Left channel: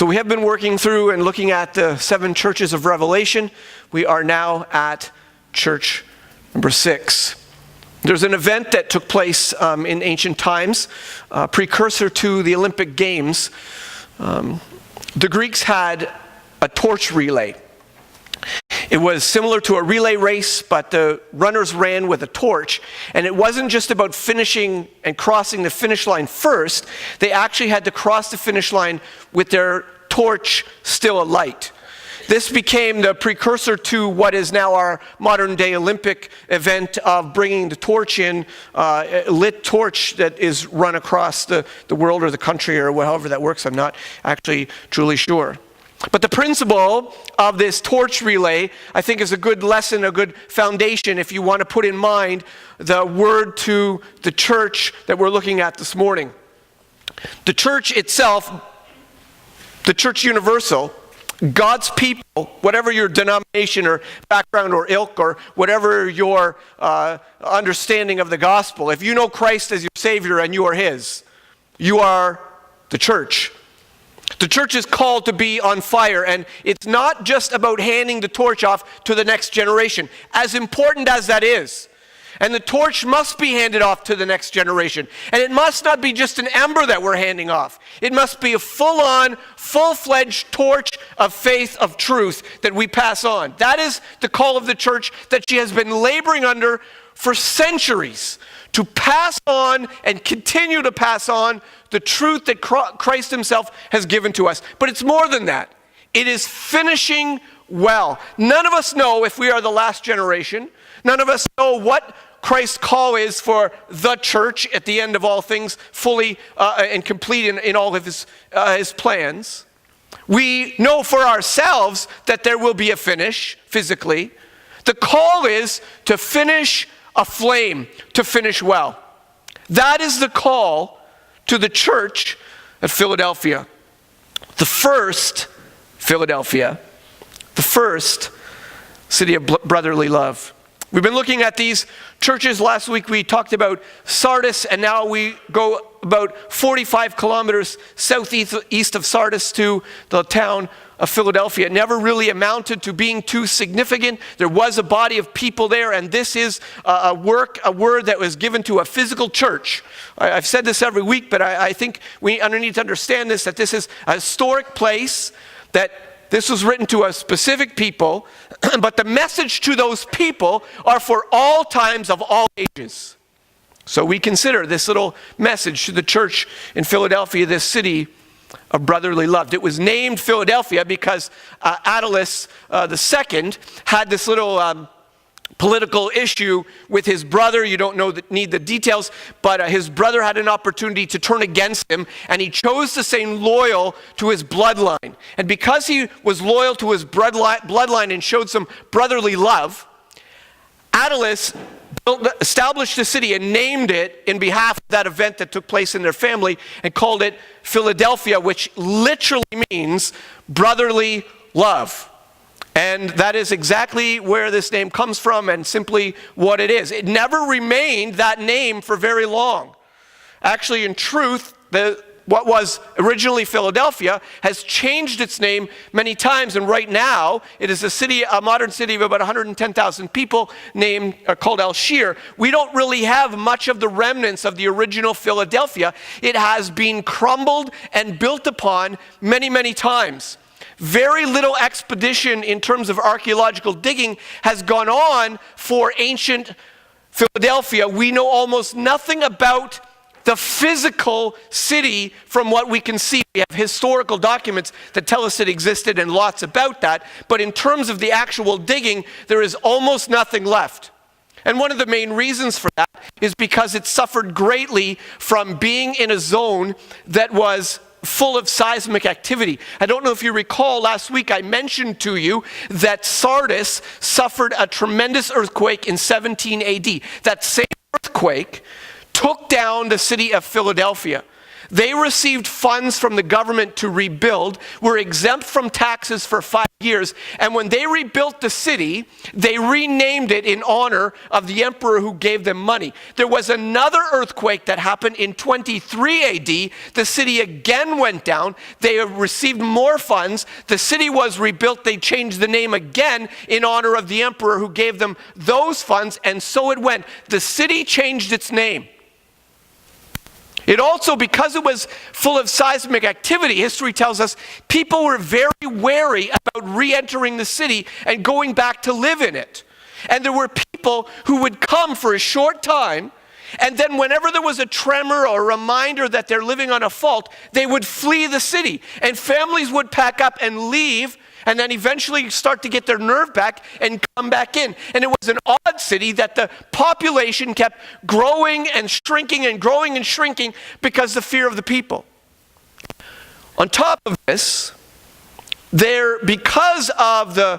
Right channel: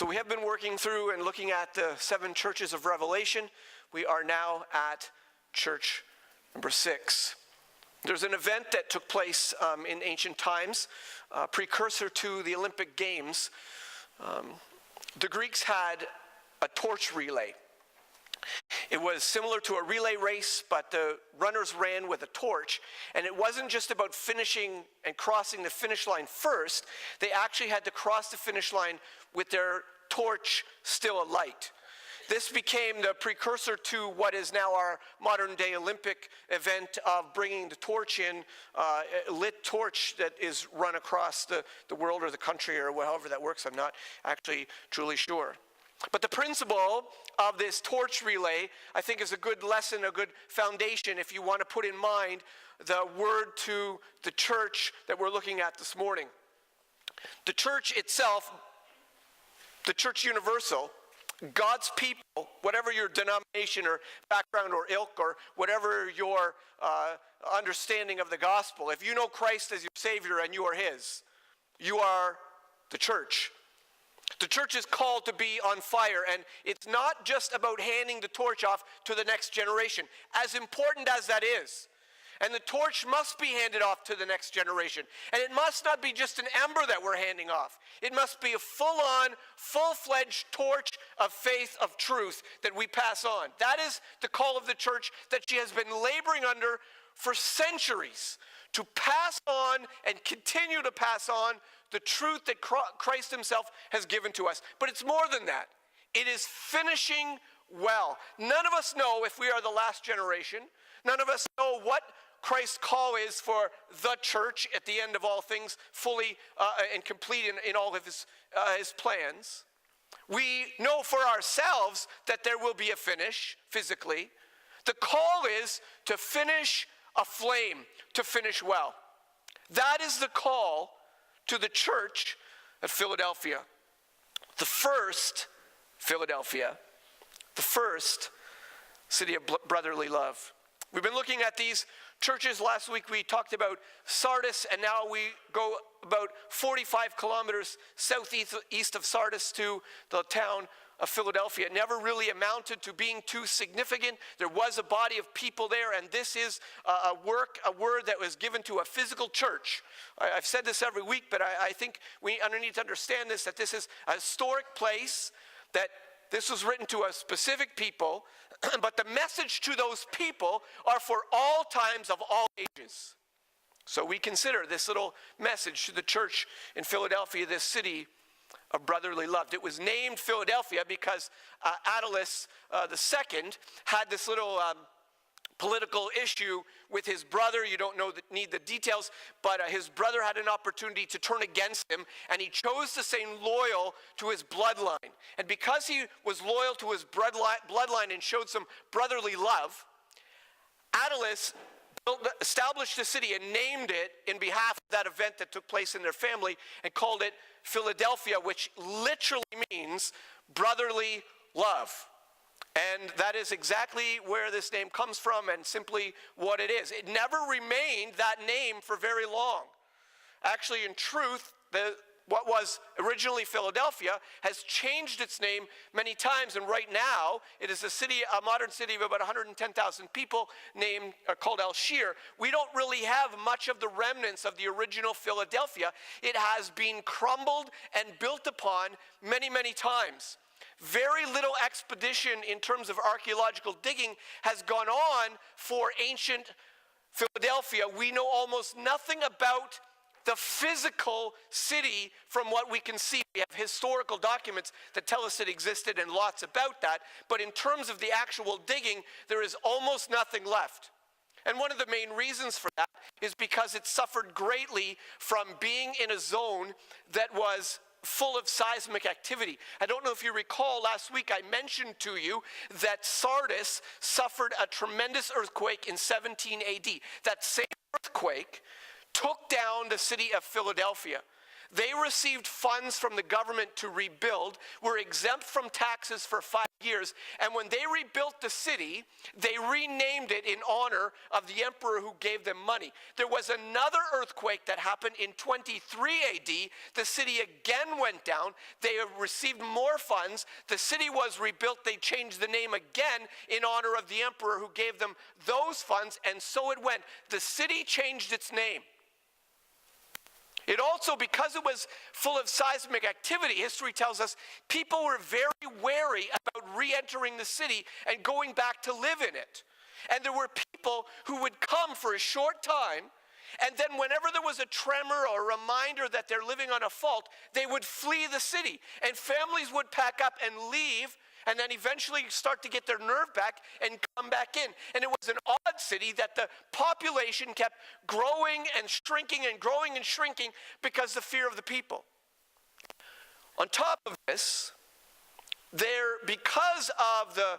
So we have been working through and looking at the 7 churches of Revelation. We are now at church number 6. There's an event that took place in ancient times, precursor to the Olympic Games. The Greeks had a torch relay. It was similar to a relay race, but the runners ran with a torch. And it wasn't just about finishing and crossing the finish line first. They actually had to cross the finish line with their torch still alight. This became the precursor to what is now our modern-day Olympic event of bringing the torch in, a lit torch that is run across the world or the country or however that works. I'm not actually truly sure. But the principle of this torch relay, I think, is a good lesson, a good foundation if you want to put in mind the word to the church that we're looking at this morning. The church itself, the church universal, God's people, whatever your denomination or background or ilk or whatever your understanding of the gospel, if you know Christ as your Savior and you are His, you are the church. The church is called to be on fire, and it's not just about handing the torch off to the next generation, as important as that is. And the torch must be handed off to the next generation. And it must not be just an ember that we're handing off. It must be a full-on, full-fledged torch of faith, of truth that we pass on. That is the call of the church that she has been laboring under for centuries, to pass on and continue to pass on the truth that Christ Himself has given to us. But it's more than that. It is finishing well. None of us know if we are the last generation. None of us know what Christ's call is for the church at the end of all things, fully and complete in all of His plans. We know for ourselves that there will be a finish physically. The call is to finish aflame, to finish well. That is the call to the church at Philadelphia. The first Philadelphia, the first city of brotherly love. We've been looking at these churches. Last week we talked about Sardis, and now we go about 45 kilometers southeast of Sardis to the town of Philadelphia. It never really amounted to being too significant. There was a body of people there, and this is a word that was given to a physical church. I've said this every week, but I think we need to understand this, that this is a historic place, that this was written to a specific people, but the message to those people are for all times of all ages. So we consider this little message to the church in Philadelphia, this city of brotherly love. It was named Philadelphia because Attalus II had this little political issue with his brother. You don't need the details, but his brother had an opportunity to turn against him, and he chose to stay loyal to his bloodline. And because he was loyal to his bloodline and showed some brotherly love, Attalus established a city and named it in behalf of that event that took place in their family and called it Philadelphia, which literally means brotherly love. And that is exactly where this name comes from and simply what it is. It never remained that name for very long. Actually, in truth, what was originally Philadelphia has changed its name many times, and right now it is a modern city of about 110,000 people called Alshir. We don't really have much of the remnants of the original Philadelphia. It has been crumbled and built upon many, many times. Very little expedition in terms of archaeological digging has gone on for ancient Philadelphia. We know almost nothing about the physical city from what we can see. We have historical documents that tell us it existed and lots about that. But in terms of the actual digging, there is almost nothing left. And one of the main reasons for that is because it suffered greatly from being in a zone that was full of seismic activity. I don't know if you recall, last week I mentioned to you that Sardis suffered a tremendous earthquake in 17 AD. That same earthquake took down the city of Philadelphia. They received funds from the government to rebuild, were exempt from taxes for 5 years, and when they rebuilt the city, they renamed it in honor of the emperor who gave them money. There was another earthquake that happened in 23 AD. The city again went down. They received more funds. The city was rebuilt. They changed the name again in honor of the emperor who gave them those funds, and so it went. The city changed its name. It also, because it was full of seismic activity, history tells us, people were very wary about re-entering the city and going back to live in it. And there were people who would come for a short time, and then whenever there was a tremor or a reminder that they're living on a fault, they would flee the city. And families would pack up and leave, and then eventually start to get their nerve back and come back in. And it was an odd city that the population kept growing and shrinking and growing and shrinking because of the fear of the people. On top of this, because of the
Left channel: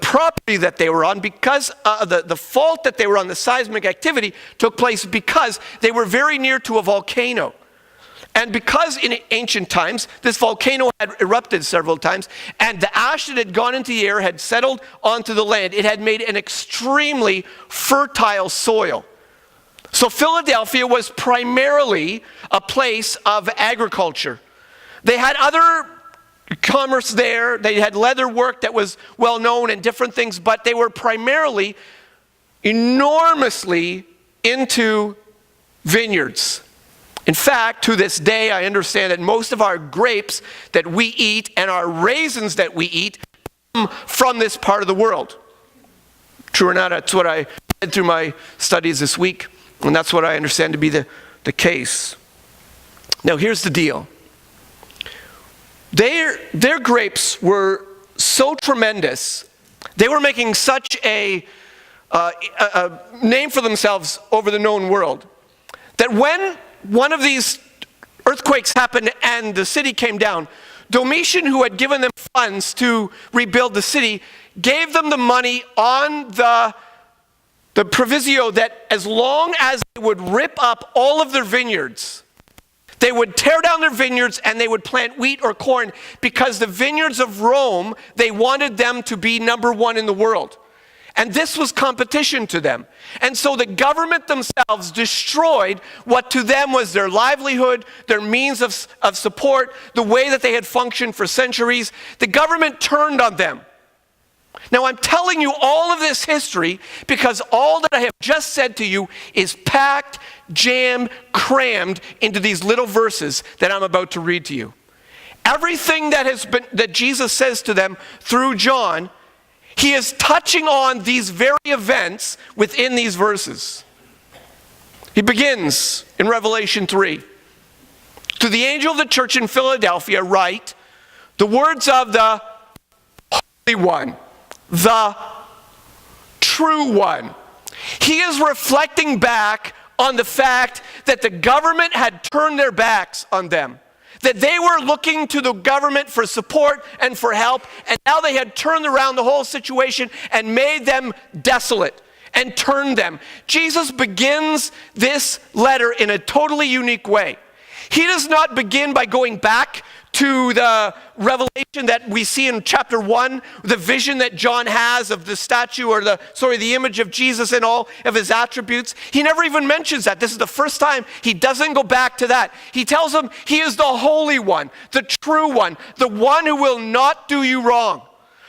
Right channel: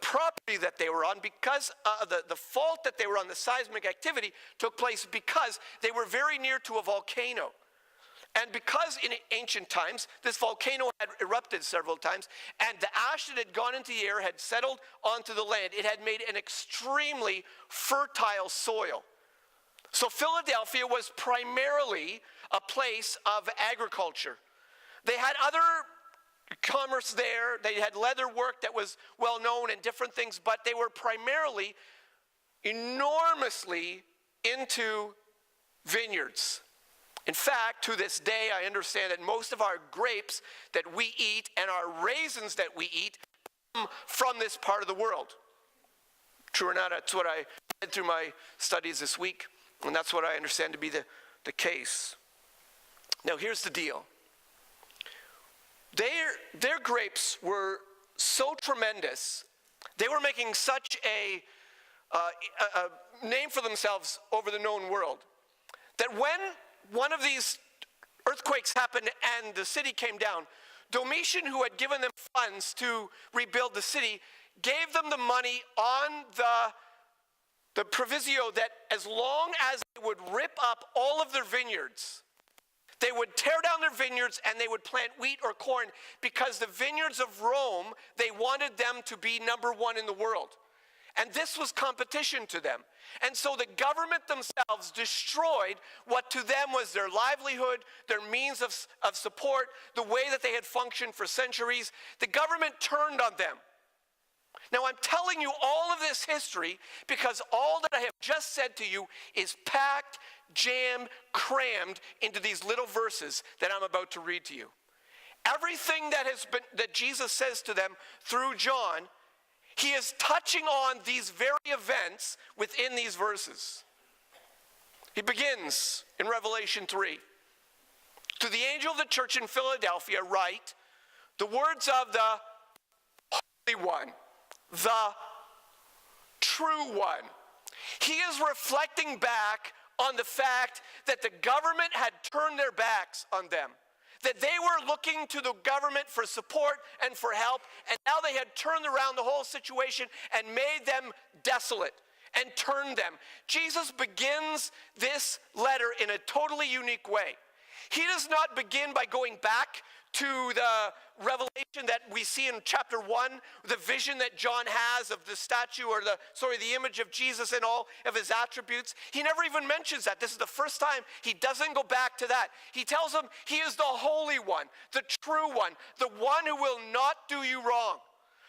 property that they were on, because the fault that they were on, the seismic activity took place because they were very near to a volcano. And because in ancient times, this volcano had erupted several times, and the ash that had gone into the air had settled onto the land, it had made an extremely fertile soil. So Philadelphia was primarily a place of agriculture. They had other commerce there. They had leather work that was well known and different things, but they were primarily enormously into vineyards. In fact, to this day, I understand that most of our grapes that we eat and our raisins that we eat come from this part of the world. True or not, that's what I read through my studies this week, and that's what I understand to be the case. Now, here's the deal. Their grapes were so tremendous, they were making such a name for themselves over the known world, that when one of these earthquakes happened and the city came down, Domitian, who had given them funds to rebuild the city, gave them the money on the proviso that as long as they would rip up all of their vineyards, they would tear down their vineyards and they would plant wheat or corn, because the vineyards of Rome, they wanted them to be number one in the world. And this was competition to them. And so the government themselves destroyed what to them was their livelihood, their means of support, the way that they had functioned for centuries. The government turned on them. Now, I'm telling you all of this history because all that I have just said to you is packed, jammed, crammed into these little verses that I'm about to read to you. Everything that Jesus says to them through John, he is touching on these very events within these verses. He begins in Revelation 3. To the angel of the church in Philadelphia write the words of the Holy One, the true one. He is reflecting back on the fact that the government had turned their backs on them. That they were looking to the government for support and for help, and now they had turned around the whole situation and made them desolate and turned them. Jesus begins this letter in a totally unique way. He does not begin by going back to the revelation that we see in chapter 1, the vision that John has of the statue or the image of Jesus and all of his attributes. He never even mentions that. This is the first time he doesn't go back to that. He tells them he is the Holy One, the true one, the one who will not do you wrong,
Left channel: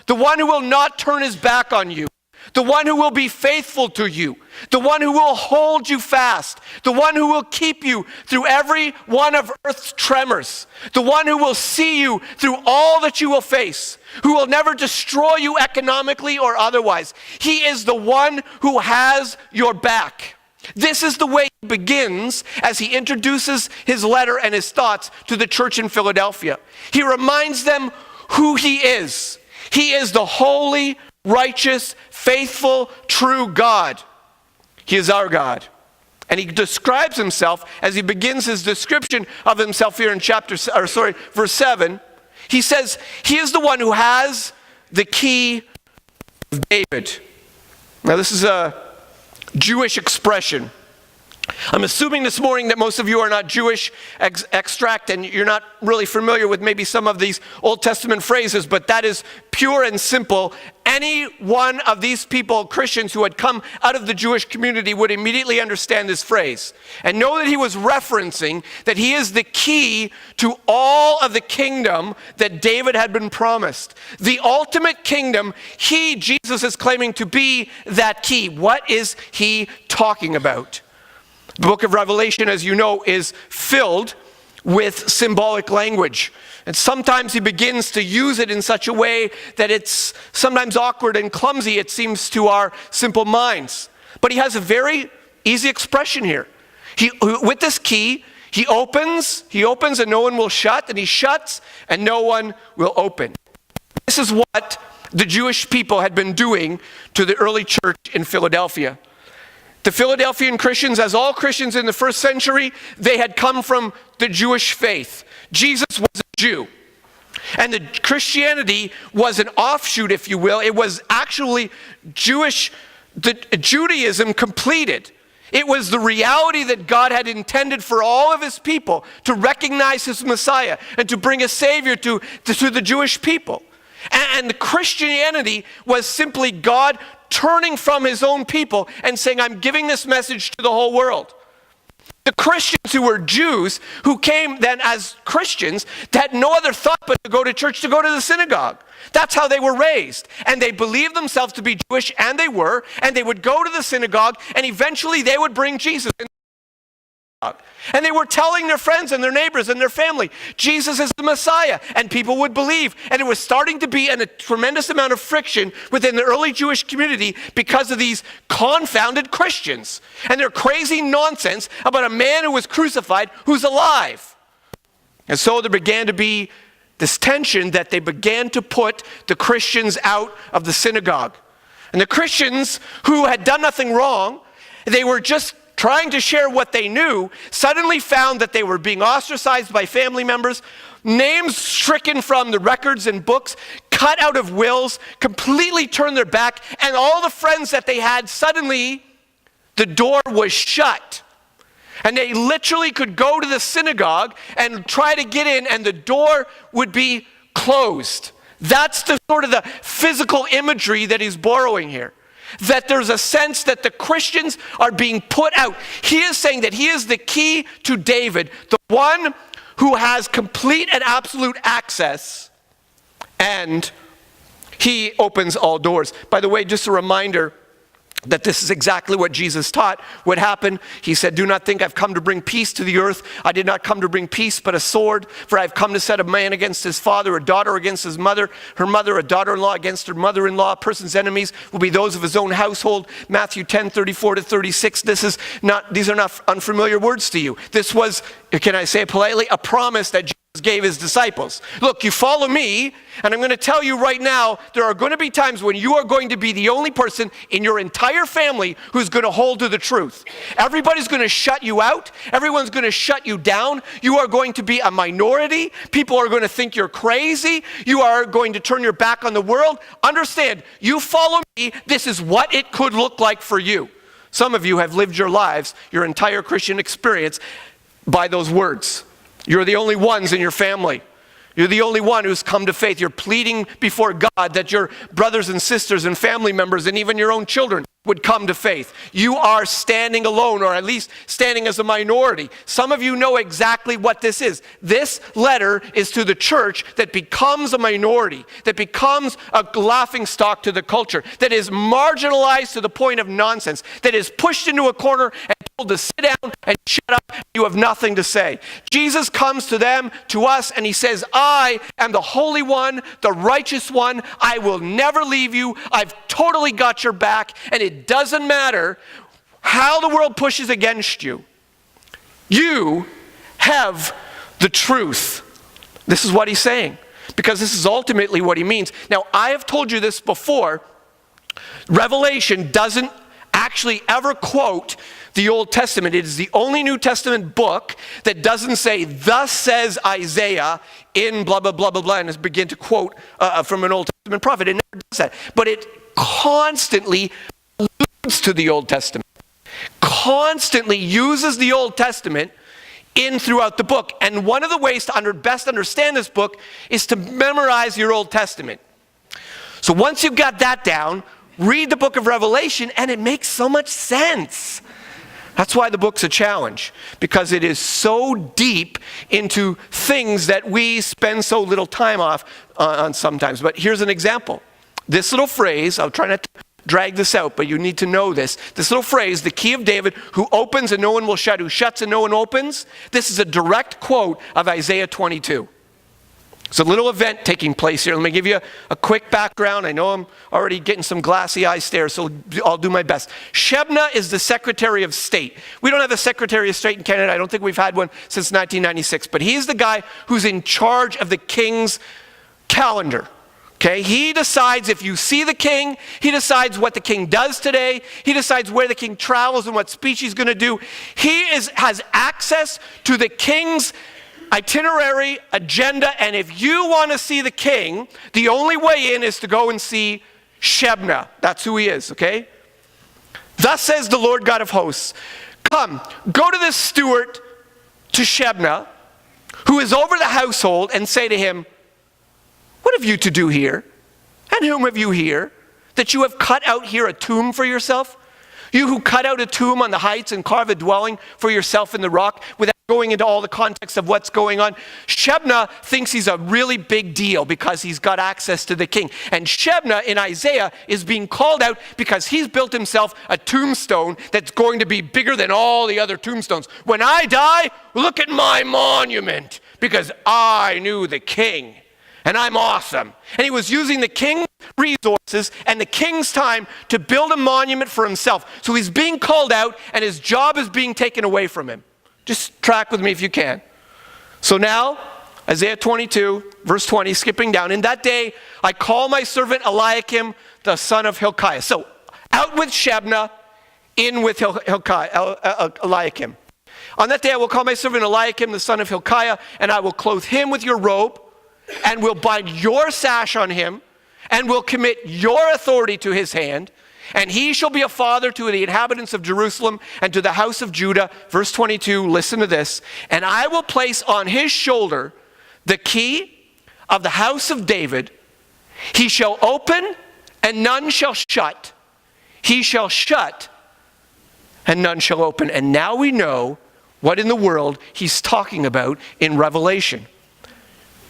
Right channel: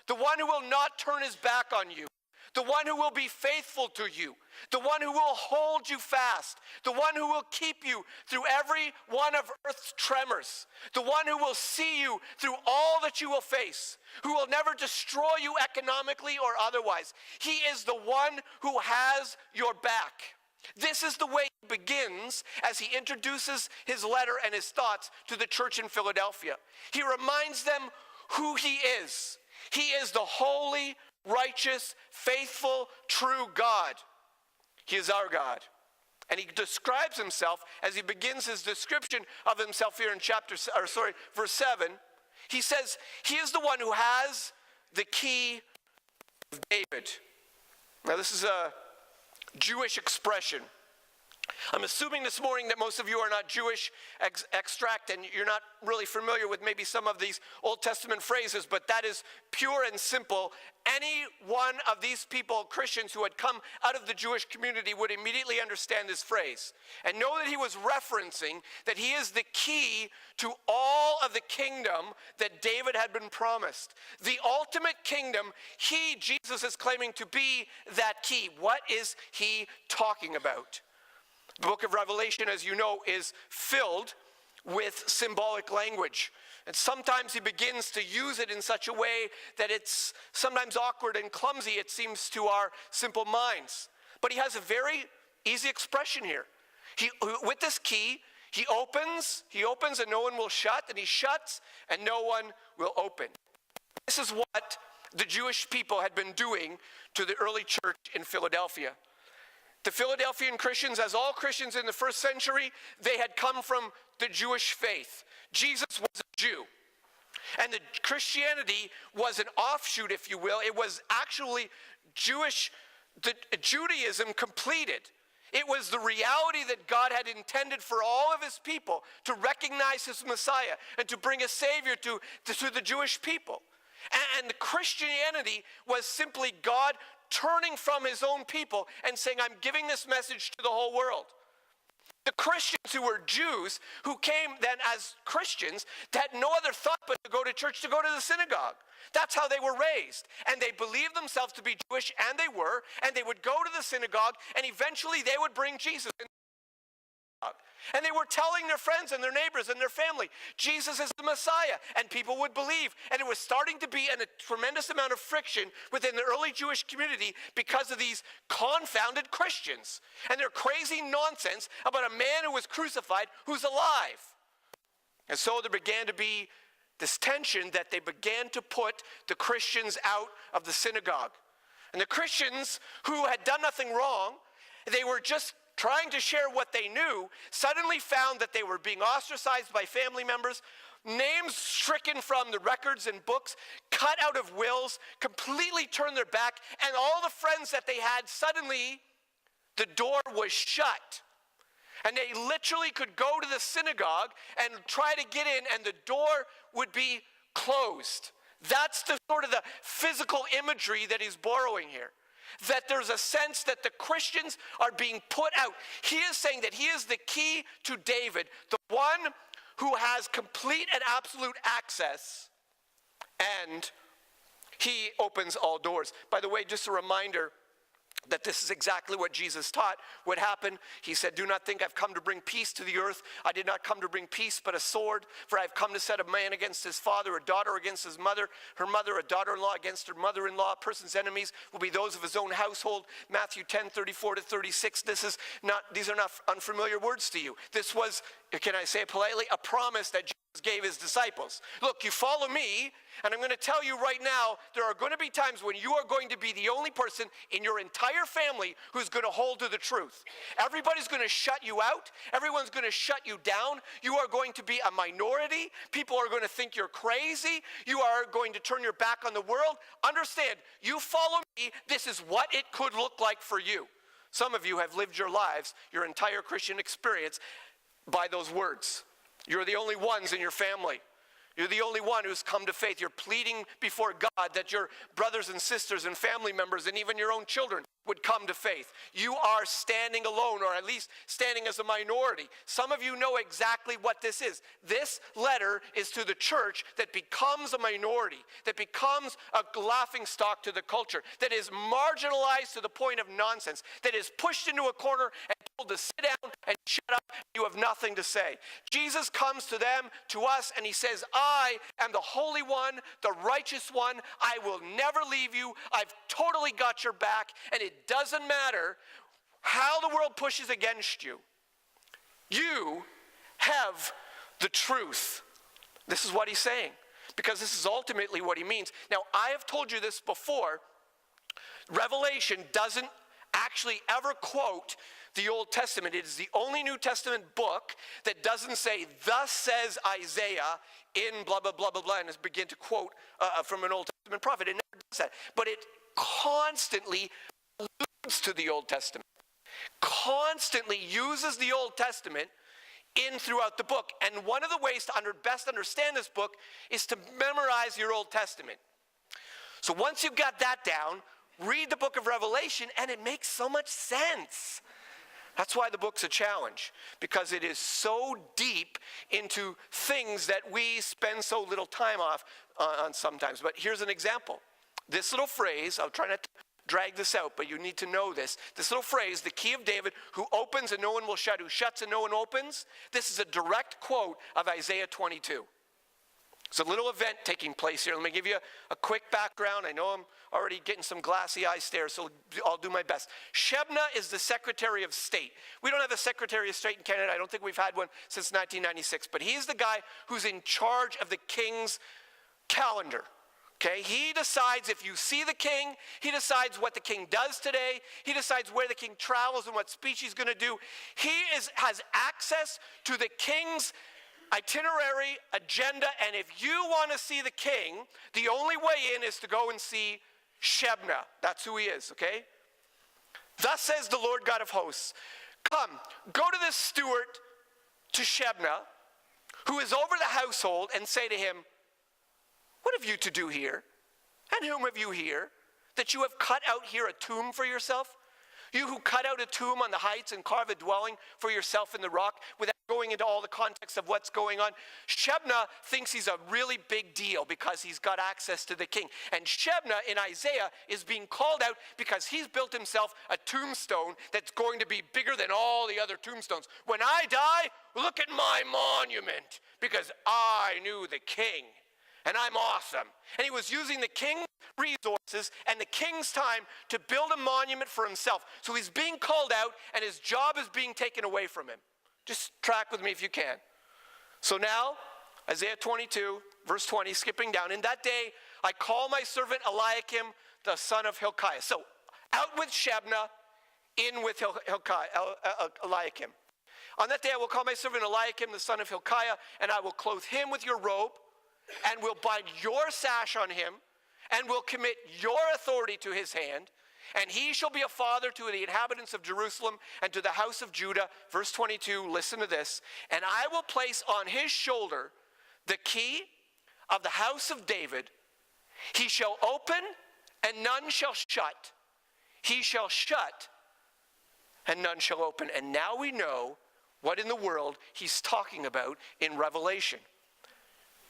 the one who will not turn his back on you, the one who will be faithful to you, the one who will hold you fast, the one who will keep you through every one of earth's tremors, the one who will see you through all that you will face, who will never destroy you economically or otherwise. He is the one who has your back. This is the way he begins as he introduces his letter and his thoughts to the church in Philadelphia. He reminds them who he is. He is the holy, righteous, faithful, true God. He is our God. And he describes himself, as he begins his description of himself here in verse 7, he says, he is the one who has the key of David. Now this is a Jewish expression. I'm assuming this morning that most of you are not Jewish extract and you're not really familiar with maybe some of these Old Testament phrases, but that is pure and simple. Any one of these people, Christians who had come out of the Jewish community, would immediately understand this phrase and know that he was referencing that he is the key to all of the kingdom that David had been promised. The ultimate kingdom, Jesus, is claiming to be that key. What is he talking about? The book of Revelation, as you know, is filled with symbolic language. And sometimes he begins to use it in such a way that it's sometimes awkward and clumsy, it seems, to our simple minds. But he has a very easy expression here. With this key, he opens and no one will shut, and he shuts and no one will open. This is what the Jewish people had been doing to the early church in Philadelphia. The Philadelphian Christians, as all Christians in the first century, they had come from the Jewish faith. Jesus was a Jew. And the Christianity was an offshoot, if you will. It was actually Judaism completed. It was the reality that God had intended for all of his people to recognize his Messiah and to bring a Savior to the Jewish people. And the Christianity was simply God turning from his own people and saying, I'm giving this message to the whole world. The Christians who were Jews, who came then as Christians, had no other thought but to go to church, to go to the synagogue. That's how they were raised. And they believed themselves to be Jewish, and they were, and they would go to the synagogue, and eventually they would bring Jesus in. And they were telling their friends and their neighbors and their family, Jesus is the Messiah, and people would believe. And it was starting to be a tremendous amount of friction within the early Jewish community because of these confounded Christians and their crazy nonsense about a man who was crucified who's alive. And so there began to be this tension that they began to put the Christians out of the synagogue. And the Christians who had done nothing wrong, they were just trying to share what they knew, suddenly found that they were being ostracized by family members, names stricken from the records and books, cut out of wills, completely turned their back, and all the friends that they had, suddenly the door was shut. And they literally could go to the synagogue and try to get in, and the door would be closed. That's the sort of the physical imagery that he's borrowing here. That there's a sense that the Christians are being put out. He is saying that he is the key to David, the one who has complete and absolute access, and he opens all doors. By the way, just a reminder that this is exactly what Jesus taught would happen. He said, do not think I've come to bring peace to the earth. I did not come to bring peace, but a sword. For I've come to set a man against his father, a daughter against his mother, her mother, a daughter-in-law against her mother-in-law. A person's enemies will be those of his own household. Matthew 10:34-36. These are not unfamiliar words to you. This was, can I say it politely, a promise that Jesus gave his disciples. Look, you follow me, and I'm going to tell you right now, there are going to be times when you are going to be the only person in your entire family who's going to hold to the truth. Everybody's going to shut you out. Everyone's going to shut you down. You are going to be a minority. People are going to think you're crazy. You are going to turn your back on the world. Understand, you follow me, this is what it could look like for you. Some of you have lived your lives, your entire Christian experience, by those words. You're the only ones in your family. You're the only one who's come to faith. You're pleading before God that your brothers and sisters and family members and even your own children would come to faith. You are standing alone, or at least standing as a minority. Some of you know exactly what this is. This letter is to the church that becomes a minority, that becomes a laughingstock to the culture, that is marginalized to the point of nonsense, that is pushed into a corner and told to sit down and shut up. You have nothing to say. Jesus comes to them, to us, and he says, I am the Holy One, the righteous one. I will never leave you. I've totally got your back, and it doesn't matter how the world pushes against you. You have the truth. This is what he's saying, because this is ultimately what he means. Now, I have told you this before. Revelation doesn't actually ever quote the Old Testament. It is the only New Testament book that doesn't say, thus says Isaiah in blah, blah, blah, blah, blah, and begin to quote from an Old Testament prophet. It never does that. But it constantly alludes to the Old Testament, constantly uses the Old Testament in throughout the book. And one of the ways to best understand this book is to memorize your Old Testament. So once you've got that down, read the book of Revelation, and it makes so much sense. That's why the book's a challenge, because it is so deep into things that we spend so little time on sometimes. But here's an example. This little phrase, I'll try not to drag this out, but you need to know this. This little phrase, the key of David, who opens and no one will shut, who shuts and no one opens, this is a direct quote of Isaiah 22. It's a little event taking place here. Let me give you a quick background. I know I'm already getting some glassy eye stares, so I'll do my best. Shebna is the Secretary of State. We don't have a Secretary of State in Canada. I don't think we've had one since 1996. But he's the guy who's in charge of the king's calendar. Okay? He decides if you see the king. He decides what the king does today. He decides where the king travels and what speech he's going to do. He has access to the king's itinerary, agenda, and if you want to see the king, the only way in is to go and see Shebna. That's who he is, okay? Thus says the Lord God of hosts, come, go to this steward to Shebna, who is over the household, and say to him, what have you to do here? And whom have you here, that you have cut out here a tomb for yourself? You who cut out a tomb on the heights and carve a dwelling for yourself in the rock, without going into all the context of what's going on. Shebna thinks he's a really big deal because he's got access to the king. And Shebna in Isaiah is being called out because he's built himself a tombstone that's going to be bigger than all the other tombstones. When I die, look at my monument, because I knew the king and I'm awesome. And he was using the king's resources and the king's time to build a monument for himself. So he's being called out and his job is being taken away from him. Just track with me if you can. So now, Isaiah 22, verse 20, skipping down. In that day, I call my servant Eliakim, the son of Hilkiah. So, out with Shebna, in with Eliakim. On that day, I will call my servant Eliakim, the son of Hilkiah, and I will clothe him with your robe, and will bind your sash on him, and will commit your authority to his hand. And he shall be a father to the inhabitants of Jerusalem and to the house of Judah. Verse 22, listen to this. And I will place on his shoulder the key of the house of David. He shall open and none shall shut. He shall shut and none shall open. And now we know what in the world he's talking about in Revelation.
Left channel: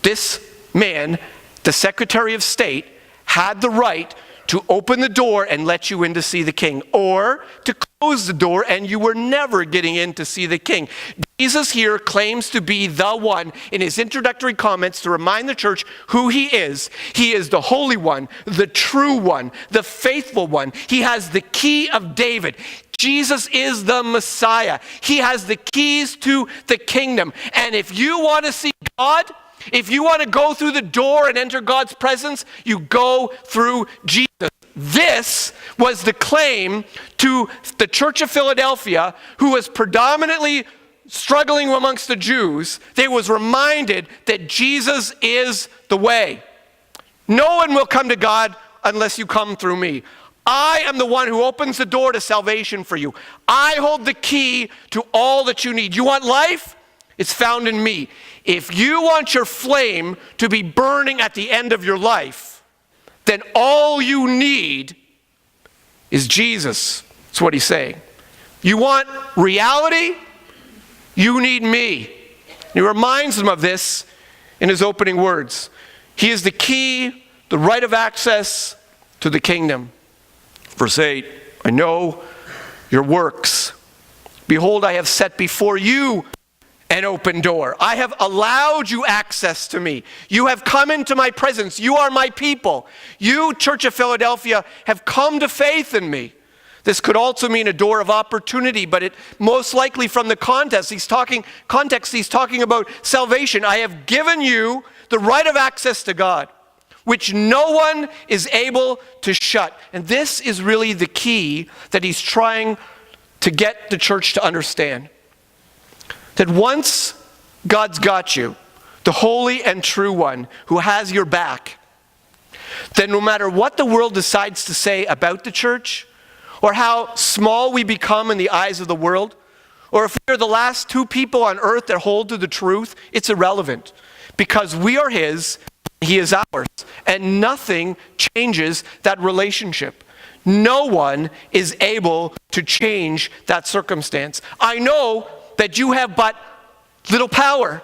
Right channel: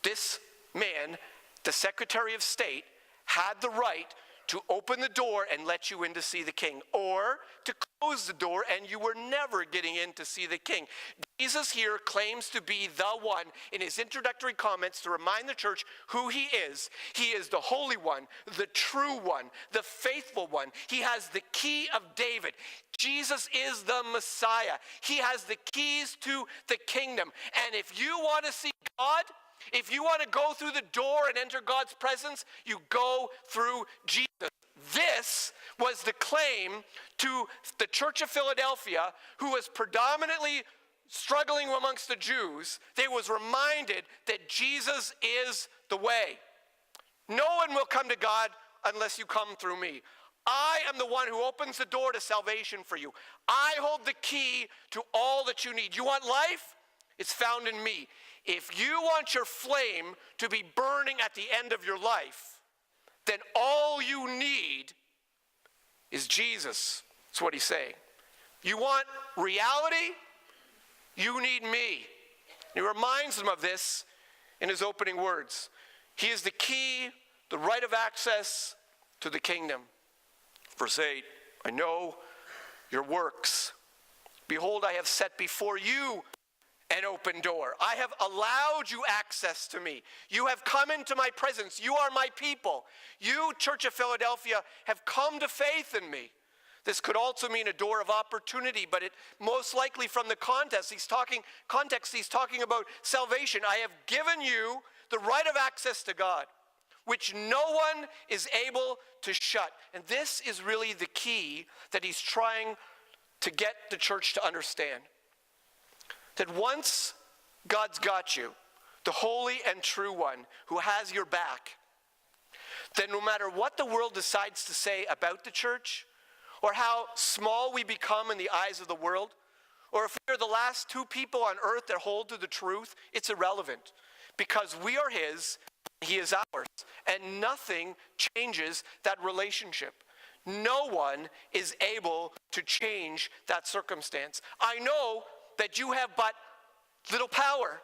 This man, the Secretary of State, had the right to open the door and let you in to see the king, or to close the door and you were never getting in to see the king. Jesus here claims to be the one in his introductory comments to remind the church who he is. He is the Holy One, the true one, the faithful one. He has the key of David. Jesus is the Messiah. He has the keys to the kingdom. And if you want to see God, if you want to go through the door and enter God's presence, you go through Jesus. This was the claim to the Church of Philadelphia, who was predominantly struggling amongst the Jews. They was reminded that Jesus is the way. No one will come to God unless you come through me. I am the one who opens the door to salvation for you. I hold the key to all that you need. You want life? It's found in me. If you want your flame to be burning at the end of your life, then all you need is Jesus. That's what he's saying. You want reality? You need me. He reminds them of this in his opening words. He is the key, the right of access to the kingdom. Verse 8, I know your works. Behold, I have set before you an open door. I have allowed you access to me. You have come into my presence. You are my people. You, Church of Philadelphia, have come to faith in me. This could also mean a door of opportunity, but it most likely from the context, he's talking about salvation. I have given you the right of access to God, which no one is able to shut. And this is really the key that he's trying to get the church to understand. That once God's got you, the holy and true one who has your back, then no matter what the world decides to say about the church, or how small we become in the eyes of the world, or if we are the last two people on earth that hold to the truth, it's irrelevant. Because we are his, he is ours. And nothing changes that relationship. No one is able to change that circumstance. I know that you have but little power.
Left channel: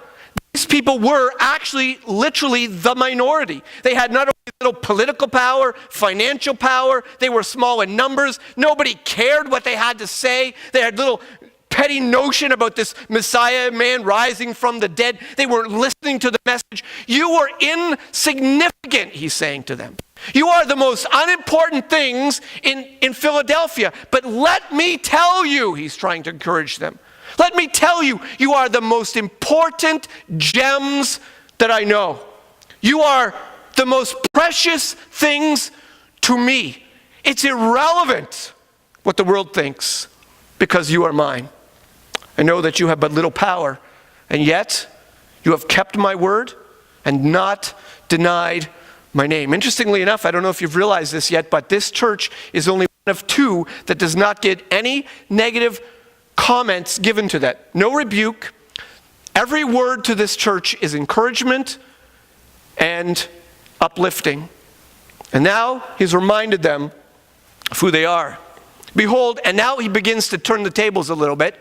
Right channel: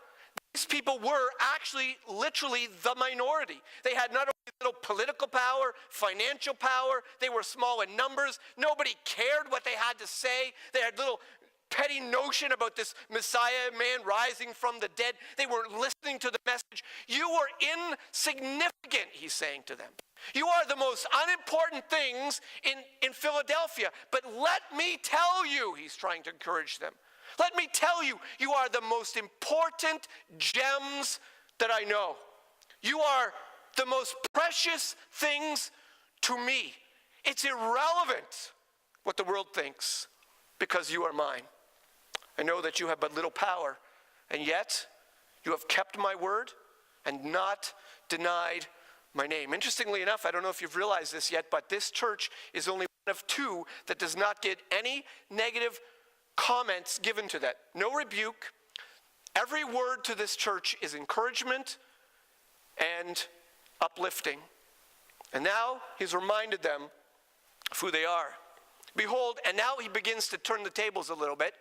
These people were actually literally the minority. They had not only little political power, financial power, they were small in numbers. Nobody cared what they had to say. They had little petty notion about this Messiah man rising from the dead. They weren't listening to the message. You were insignificant, he's saying to them. You are the most unimportant things in Philadelphia. But let me tell you, he's trying to encourage them. Let me tell you, you are the most important gems that I know. You are the most precious things to me. It's irrelevant what the world thinks because you are mine. I know that you have but little power, and yet you have kept my word and not denied my name. Interestingly enough, I don't know if you've realized this yet, but this church is only one of two that does not get any negative comments given to that. No rebuke. Every word to this church is encouragement and uplifting. And now he's reminded them of who they are. Behold, and now he begins to turn the tables a little bit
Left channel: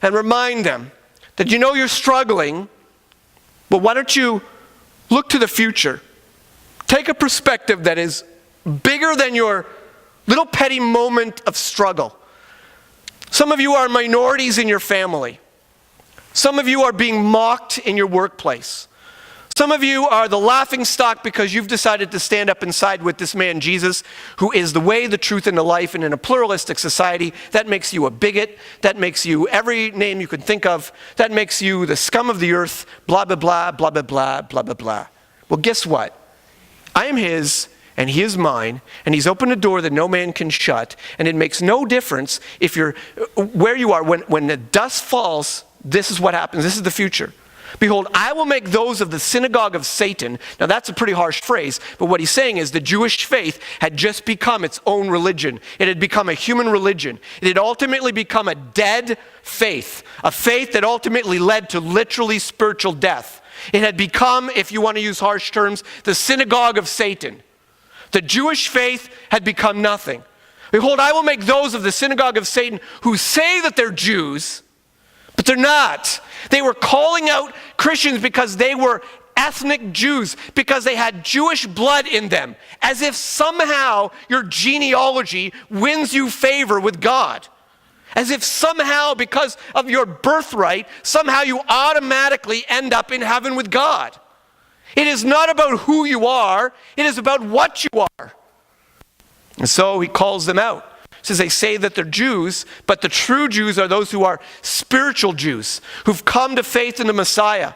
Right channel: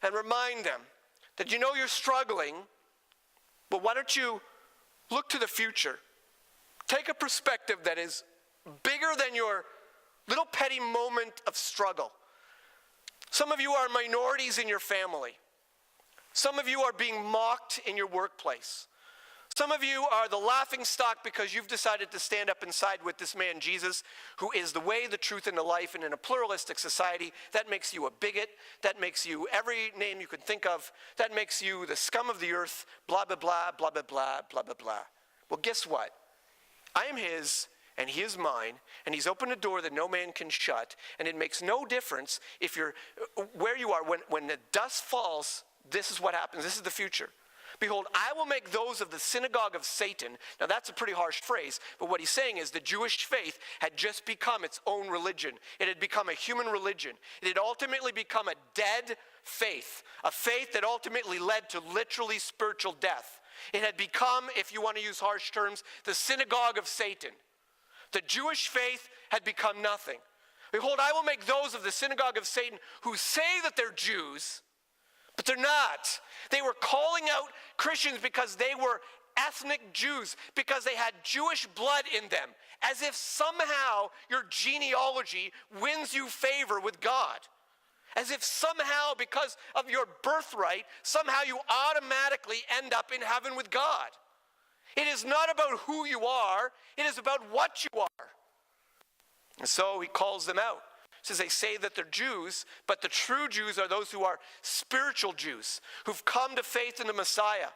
and remind them that you know you're struggling, but why don't you look to the future? Take a perspective that is bigger than your little petty moment of struggle. Some of you are minorities in your family. Some of you are being mocked in your workplace. Some of you are the laughing stock because you've decided to stand up and side with this man Jesus, who is the way, the truth, and the life. And in a pluralistic society, that makes you a bigot. That makes you every name you can think of. That makes you the scum of the earth, blah, blah, blah, blah, blah, blah, blah, blah, blah. Well, guess what? I am his, and he is mine, and he's opened a door that no man can shut, and it makes no difference if you're where you are. When the dust falls, this is what happens. This is the future. Behold, I will make those of the synagogue of Satan. Now that's a pretty harsh phrase, but what he's saying is the Jewish faith had just become its own religion. It had become a human religion. It had ultimately become a dead faith, a faith that ultimately led to literally spiritual death. It had become, if you want to use harsh terms, the synagogue of Satan. The Jewish faith had become nothing. Behold, I will make those of the synagogue of Satan who say that they're Jews, but they're not. They were calling out Christians because they were ethnic Jews, because they had Jewish blood in them, as if somehow your genealogy wins you favor with God. As if somehow, because of your birthright, somehow you automatically end up in heaven with God. It is not about who you are, it is about what you are. And so he calls them out. He says they say that they're Jews, but the true Jews are those who are spiritual Jews, who've come to faith in the Messiah.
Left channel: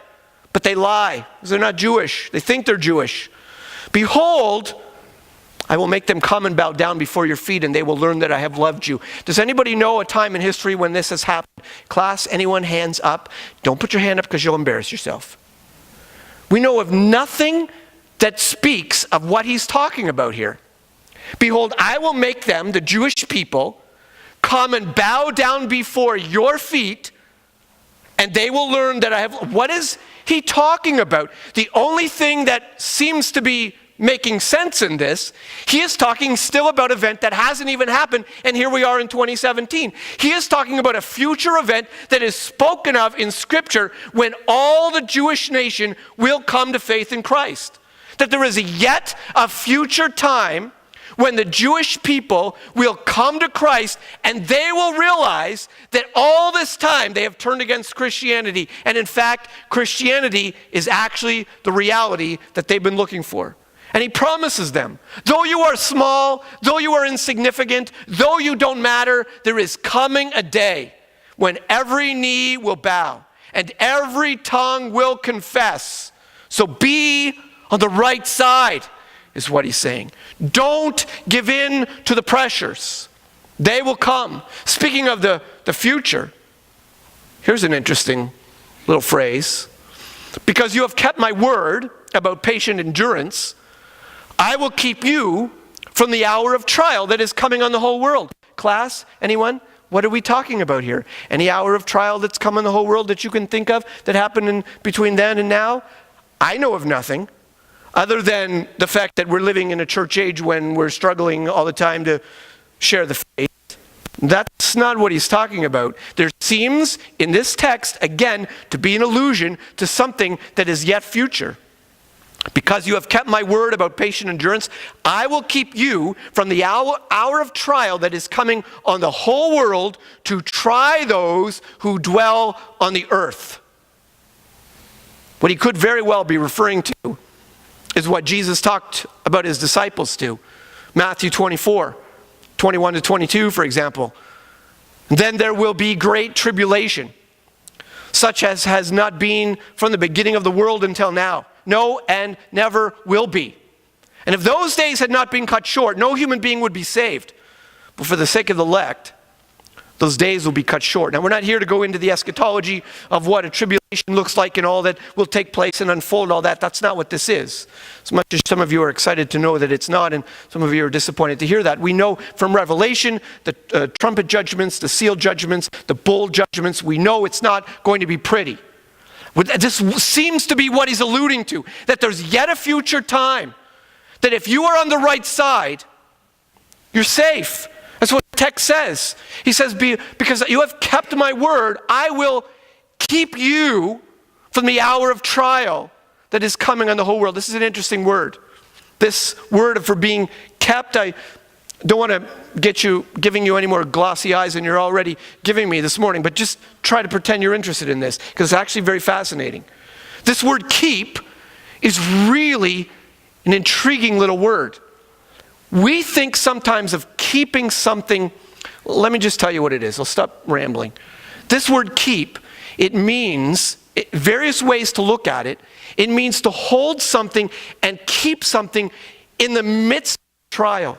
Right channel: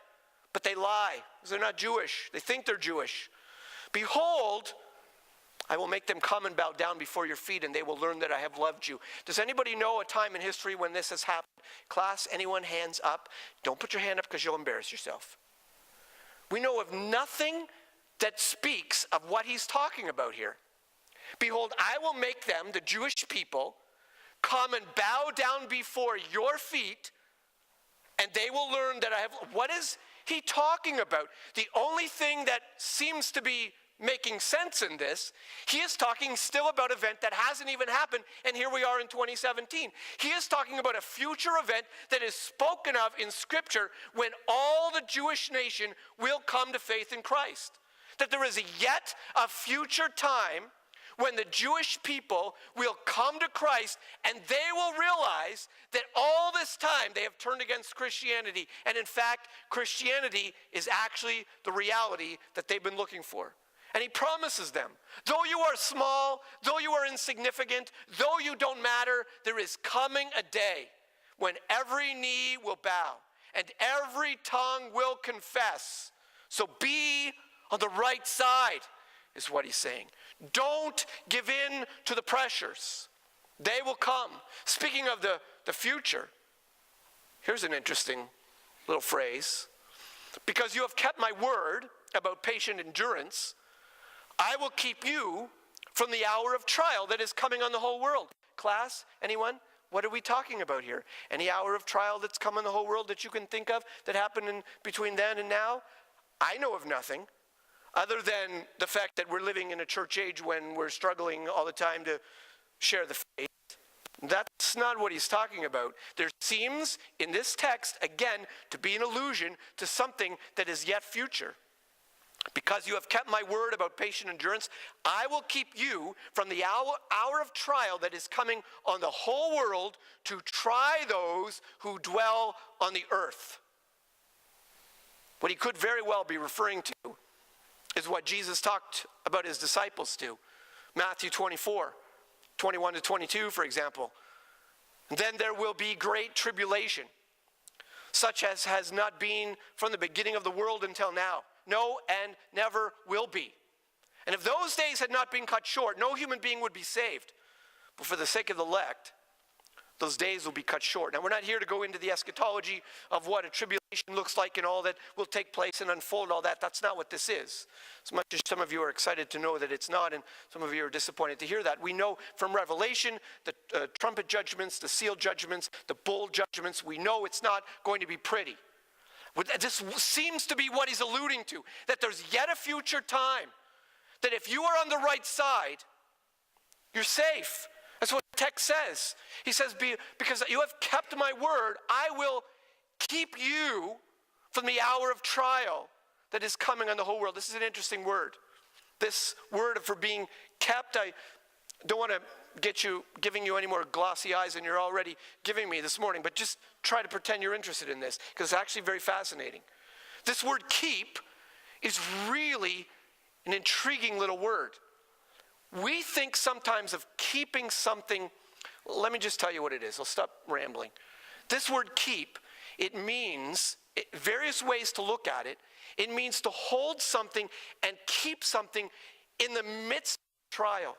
But they lie, because they're not Jewish. They think they're Jewish. Behold, I will make them come and bow down before your feet, and they will learn that I have loved you. Does anybody know a time in history when this has happened? Class, anyone, hands up? Don't put your hand up because you'll embarrass yourself. We know of nothing that speaks of what he's talking about here. Behold, I will make them, the Jewish people, come and bow down before your feet, and they will learn that I have... What is he talking about? The only thing that seems to be making sense in this, he is talking still about an event that hasn't even happened, and here we are in 2017. He is talking about a future event that is spoken of in Scripture when all the Jewish nation will come to faith in Christ. That there is yet a future time when the Jewish people will come to Christ and they will realize that all this time they have turned against Christianity. And in fact, Christianity is actually the reality that they've been looking for. And he promises them, though you are small, though you are insignificant, though you don't matter, there is coming a day when every knee will bow and every tongue will confess. So be on the right side, is what he's saying. Don't give in to the pressures. They will come. Speaking of the future, here's an interesting little phrase. Because you have kept my word about patient endurance, I will keep you from the hour of trial that is coming on the whole world. class? Anyone? What are we talking about here? Any hour of trial that's come on the whole world that you can think of that happened in between then and now? I know of nothing other than the fact that we're living in a church age when we're struggling all the time to share the faith. That's not what he's talking about. There seems in this text, again, to be an allusion to something that is yet future. Because you have kept my word about patient endurance, I will keep you from the hour of trial that is coming on the whole world to try those who dwell on the earth. What he could very well be referring to is what Jesus talked about his disciples to. Matthew 24, 21 to 22, for example. Then there will be great tribulation, such as has not been from the beginning of the world until now. No, and never will be. And if those days had not been cut short, no human being would be saved. But for the sake of the elect, those days will be cut short. Now, we're not here to go into the eschatology of what a tribulation looks like and all that will take place and unfold all that. That's not what this is. As much as some of you are excited to know that it's not, and some of you are disappointed to hear that, we know from Revelation, the trumpet judgments, the seal judgments, the bowl judgments, we know it's not going to be pretty. This seems to be what he's alluding to, that there's yet a future time, that if you are on the right side, you're safe. That's what the text says. He says, because you have kept my word, I will keep you from the hour of trial that is coming on the whole world. This is an interesting word. This word for being kept, I don't want to get you giving you any more glossy eyes than you're already giving me this morning, but just try to pretend you're interested in this, because it's actually very fascinating. This word keep is really an intriguing little word. We think sometimes of keeping something. Let me just tell you what it is. I'll stop rambling. This word keep, it means, various ways to look at it. It means to hold something and keep something in the midst of trial.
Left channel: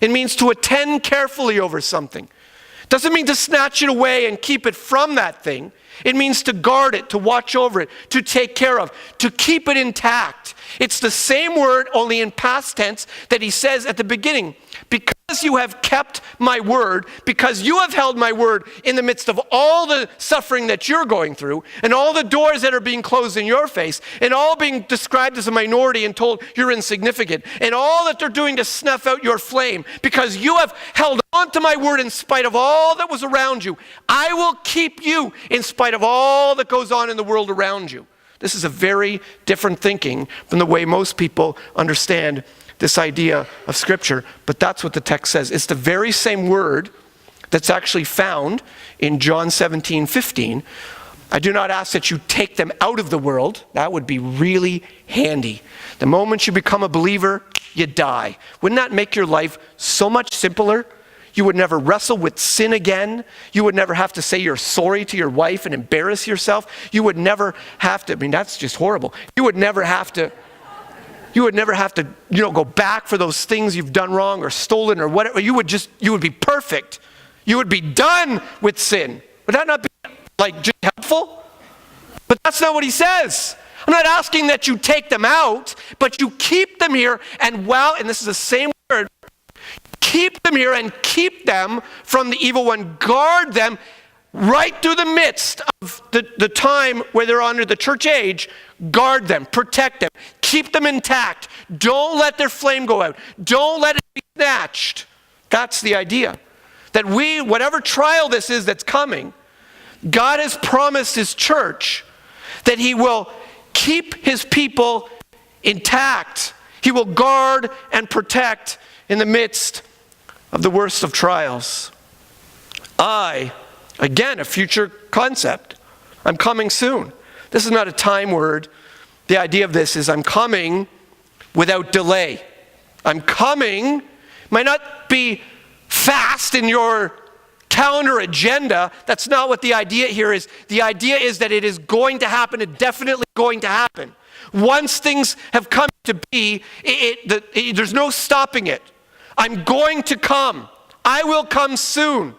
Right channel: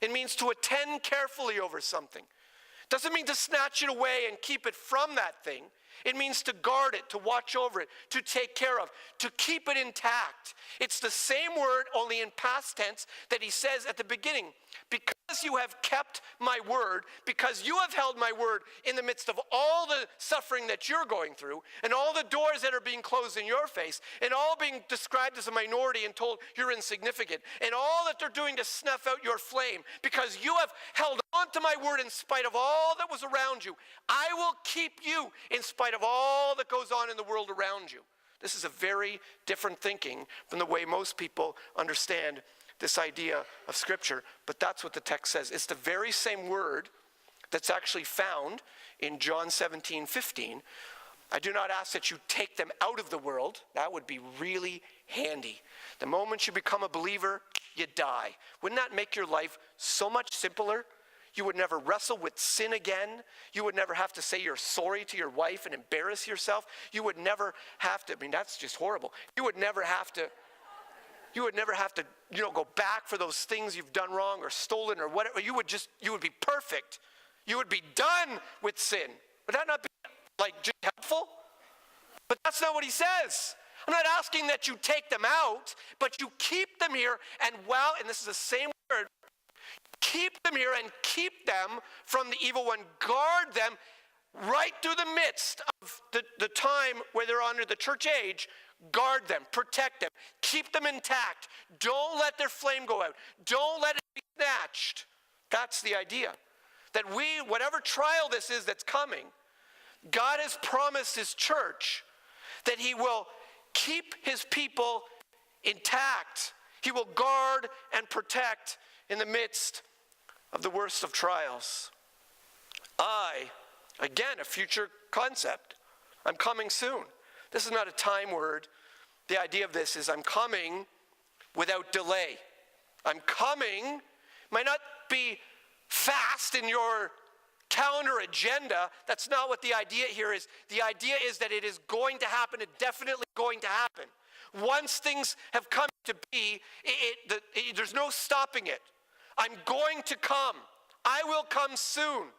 It means to attend carefully over something. It doesn't mean to snatch it away and keep it from that thing. It means to guard it, to watch over it, to take care of, to keep it intact. It's the same word, only in past tense, that he says at the beginning. Because you have kept my word, because you have held my word in the midst of all the suffering that you're going through, and all the doors that are being closed in your face, and all being described as a minority and told you're insignificant, and all that they're doing to snuff out your flame, because you have held on to my word in spite of all that was around you, I will keep you in spite of all that goes on in the world around you. This is a very different thinking from the way most people understand this idea of Scripture, but that's what the text says. It's the very same word that's actually found in John 17:15. I do not ask that you take them out of the world. That would be really handy. The moment you become a believer, you die. Wouldn't that make your life so much simpler? You would never wrestle with sin again. You would never have to say you're sorry to your wife and embarrass yourself. You would never have to, that's just horrible. You would never have to, go back for those things you've done wrong or stolen or whatever. You would be perfect. You would be done with sin. Would that not be just helpful? But that's not what he says. I'm not asking that you take them out, but you keep them here and this is the same word, keep them here and keep them from the evil one. Guard them right through the midst of the time where they're under the church age. Guard them, protect them, keep them intact. Don't let their flame go out. Don't let it be snatched. That's the idea. That whatever trial this is that's coming, God has promised his church that he will keep his people intact. He will guard and protect in the midst of the worst of trials. Again, a future concept. I'm coming soon. This is not a time word. The idea of this is I'm coming without delay. I'm coming, might not be fast in your calendar agenda. That's not what the idea here is. The idea is that it is going to happen, it's definitely going to happen. Once things have come to be, there's no stopping it. I'm going to come. I will come soon.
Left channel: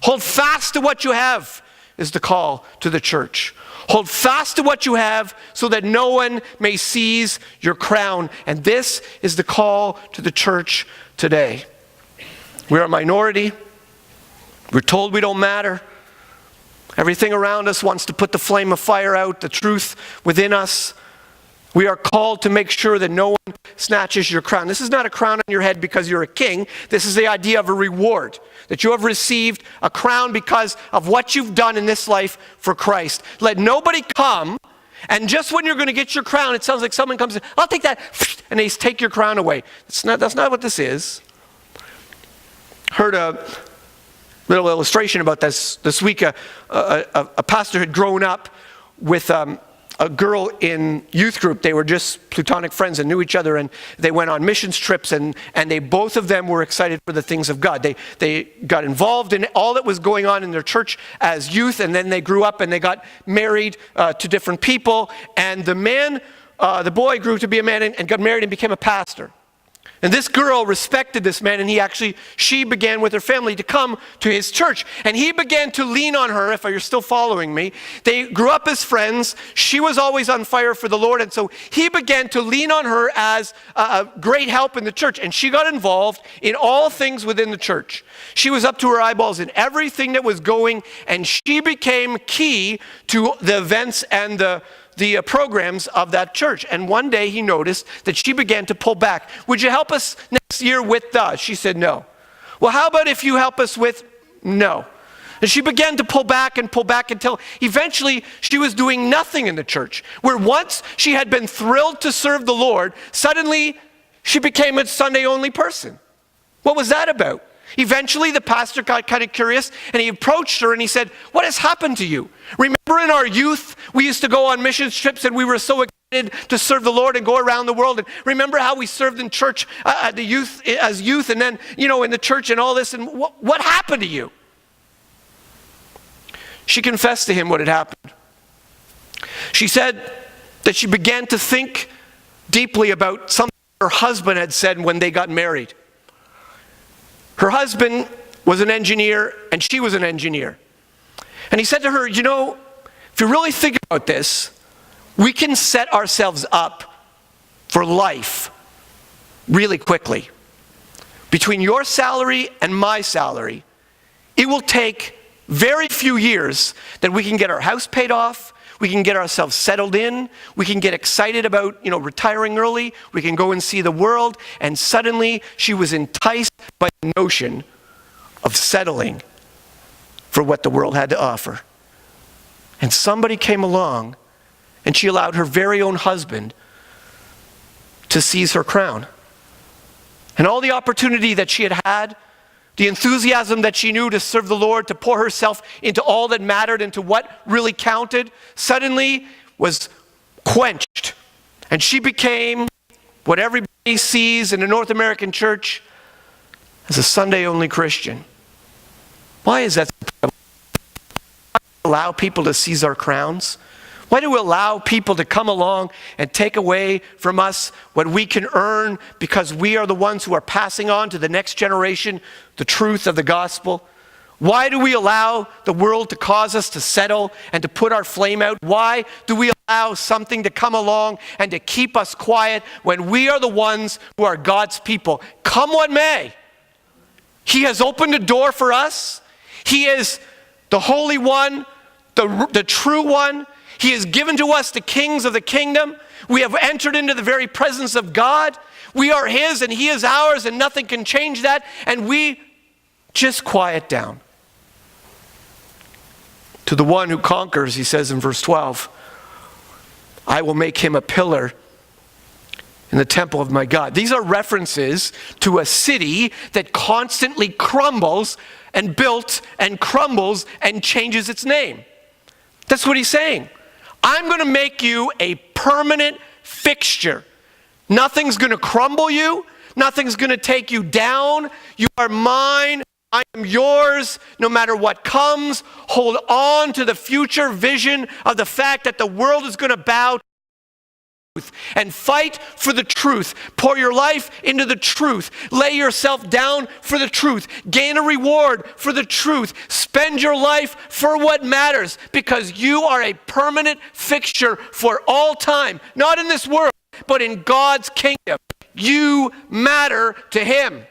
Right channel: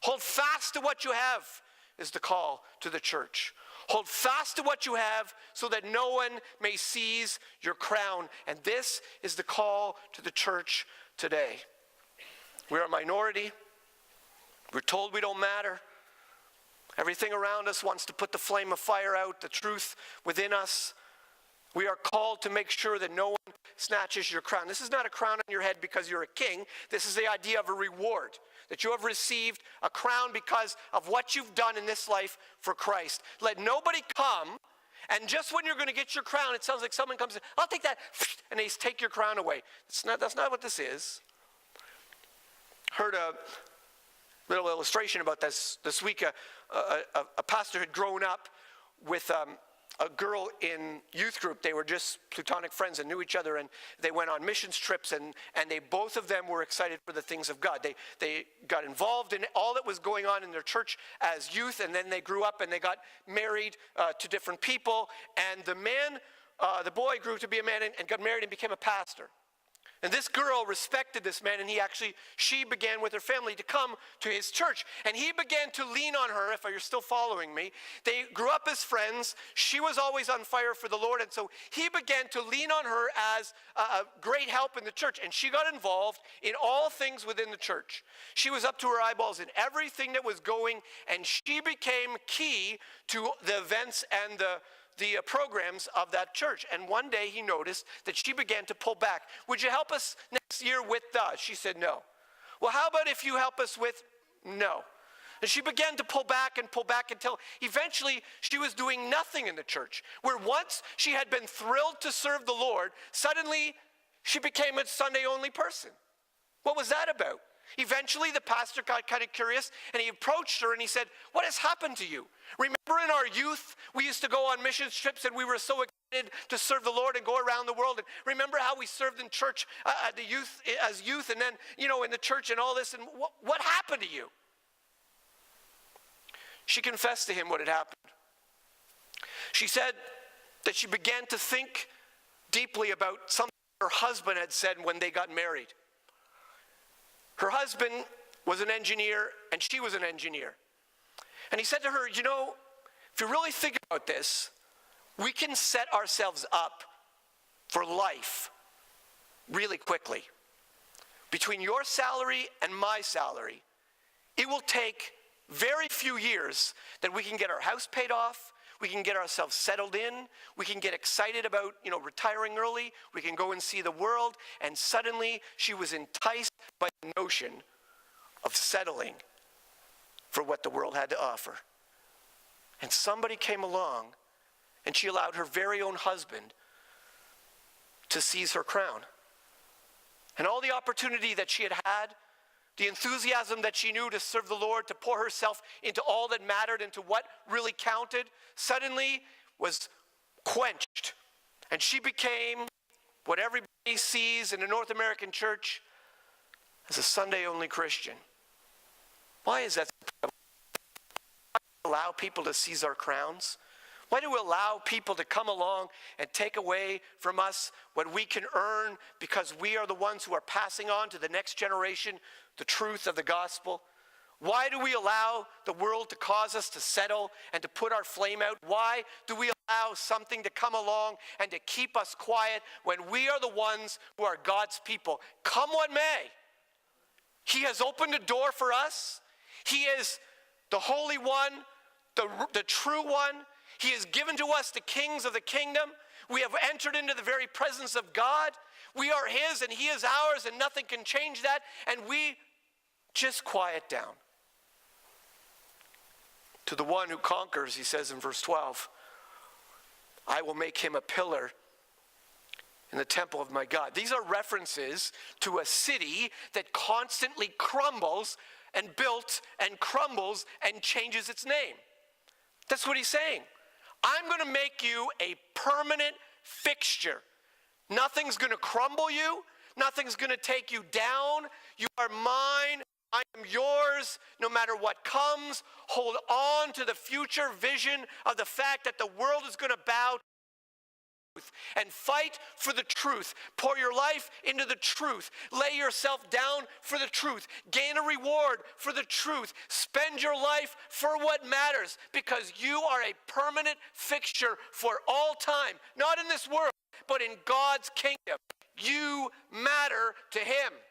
Hold fast to what you have is the call to the church. Hold fast to what you have so that no one may seize your crown. And this is the call to the church today. We're a minority. We're told we don't matter. Everything around us wants to put the flame of fire out, the truth within us. We are called to make sure that no one snatches your crown. This is not a crown on your head because you're a king. This is the idea of a reward, that you have received a crown because of what you've done in this life for Christ. Let nobody come, and just when you're going to get your crown, it sounds like someone comes in, I'll take that, and they take your crown away. That's not what this is. Heard a little illustration about this week. A pastor had grown up with a girl in youth group. They were just platonic friends and knew each other, and they went on missions trips, and they both of them were excited for the things of God. They got involved in all that was going on in their church as youth, and then they grew up and they got married to different people, and the boy grew to be a man and got married and became a pastor. And this girl respected this man, and she began with her family to come to his church. And he began to lean on her, if you're still following me. They grew up as friends. She was always on fire for the Lord, and so he began to lean on her as a great help in the church. And she got involved in all things within the church. She was up to her eyeballs in everything that was going, and she became key to the events and the programs of that church. And one day he noticed that she began to pull back. Would you help us next year with the? She said no. Well, how about if you help us with no? And she began to pull back until eventually she was doing nothing in the church. Where once she had been thrilled to serve the Lord, suddenly she became a Sunday only person. What was that about? Eventually, the pastor got kind of curious, and he approached her and he said, "What has happened to you? Remember in our youth, we used to go on mission trips and we were so excited to serve the Lord and go around the world. And remember how we served in church as youth and then, in the church and all this. And what happened to you?" She confessed to him what had happened. She said that she began to think deeply about something her husband had said when they got married. Her husband was an engineer, and she was an engineer. And he said to her, if you really think about this, we can set ourselves up for life really quickly. Between your salary and my salary, it will take very few years that we can get our house paid off, we can get ourselves settled in, we can get excited about, retiring early, we can go and see the world, and suddenly she was enticed by the notion of settling for what the world had to offer. And somebody came along, and she allowed her very own husband to seize her crown. And all the opportunity that she had, the enthusiasm that she knew to serve the Lord, to pour herself into all that mattered, into what really counted, suddenly was quenched. And she became what everybody sees in a North American church as a Sunday-only Christian. Why is that? Why do we allow people to seize our crowns? Why do we allow people to come along and take away from us what we can earn because we are the ones who are passing on to the next generation the truth of the gospel? Why do we allow the world to cause us to settle and to put our flame out? Why do we allow something to come along and to keep us quiet when we are the ones who are God's people? Come what may. He has opened a door for us. He is the Holy One, the true one. He has given to us the kings of the kingdom. We have entered into the very presence of God. We are His and He is ours, and nothing can change that. And we just quiet down. To the one who conquers, he says in verse 12, I will make him a pillar in the temple of my God. These are references to a city that constantly crumbles and built and crumbles and changes its name. That's what he's saying. I'm going to make you a permanent fixture. Nothing's going to crumble you. Nothing's going to take you down. You are mine. I am yours. No matter what comes, hold on to the future vision of the fact that the world is going to bow to truth and fight for the truth. Pour your life into the truth. Lay yourself down for the truth. Gain a reward for the truth. Spend your life for what matters, because you are a permanent fixture for all time. Not in this world, but in God's kingdom. You matter to Him.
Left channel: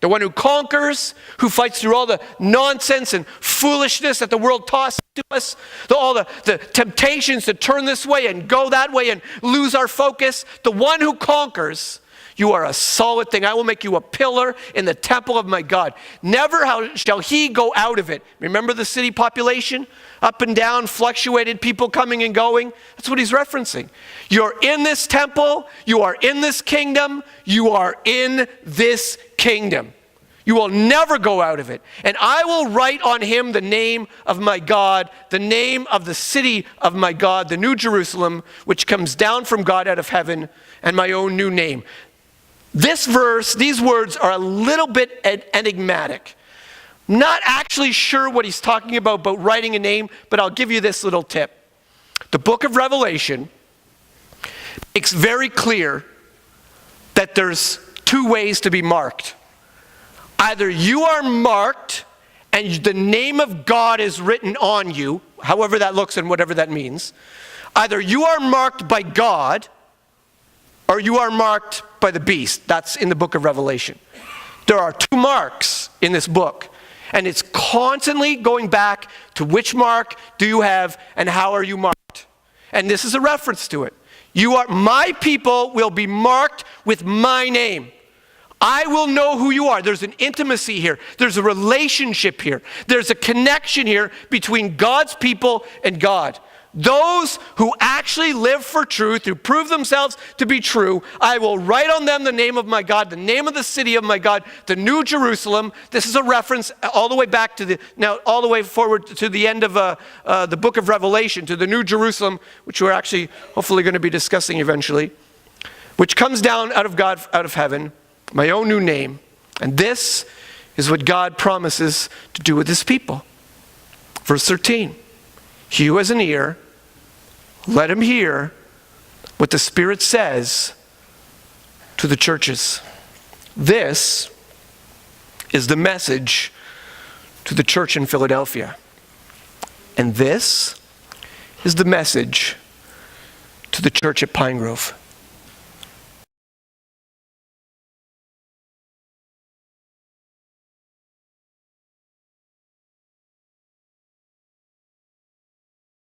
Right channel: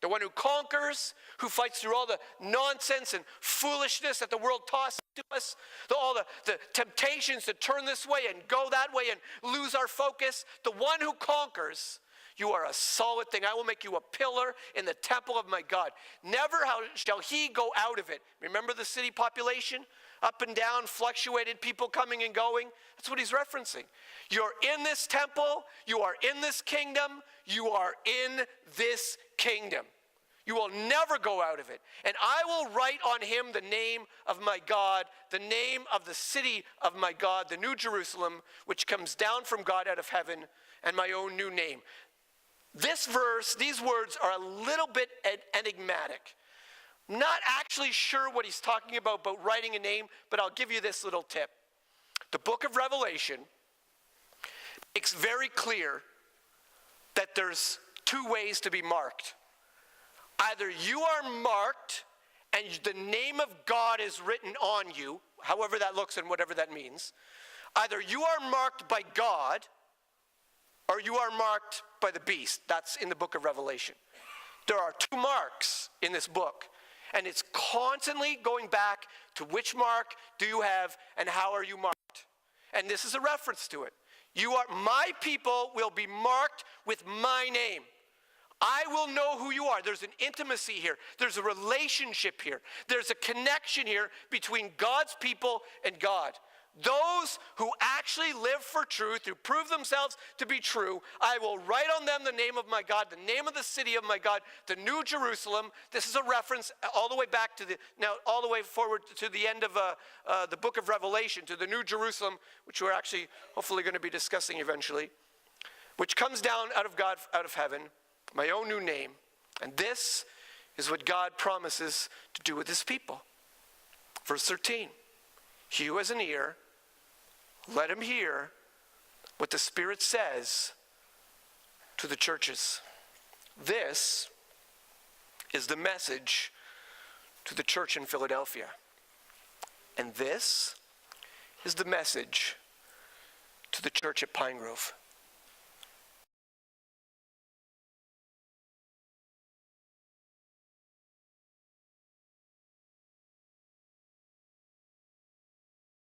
The one who conquers, who fights through all the nonsense and foolishness that the world tosses to us, all the temptations to turn this way and go that way and lose our focus. The one who conquers, you are a solid thing. I will make you a pillar in the temple of my God. Never shall he go out of it. Remember the city population? Up and down, fluctuated, people coming and going. That's what he's referencing. You're in this temple. You are in this kingdom. You are in this kingdom. You will never go out of it. And I will write on him the name of my God, the name of the city of my God, the New Jerusalem, which comes down from God out of heaven, and my own new name. This verse, these words are a little bit enigmatic. Not actually sure what he's talking about writing a name, but I'll give you this little tip. The book of Revelation makes very clear that there's two ways to be marked. Either you are marked and the name of God is written on you, however that looks and whatever that means. Either you are marked by God or you are marked by the beast. That's in the book of Revelation. There are two marks in this book. And it's constantly going back to which mark do you have and how are you marked. And this is a reference to it. My people will be marked with my name. I will know who you are. There's an intimacy here. There's a relationship here. There's a connection here between God's people and God. Those who actually live for truth, who prove themselves to be true, I will write on them the name of my God, the name of the city of my God, the New Jerusalem. This is a reference all the way back to all the way forward to the end of the book of Revelation, to the New Jerusalem, which we're actually hopefully going to be discussing eventually, which comes down out of God, out of heaven, my own new name. And this is what God promises to do with his people. Verse 13. He who has an ear, let him hear what the Spirit says to the churches. This is the message to the church in Philadelphia. And this is the message to the church at Pinegrove.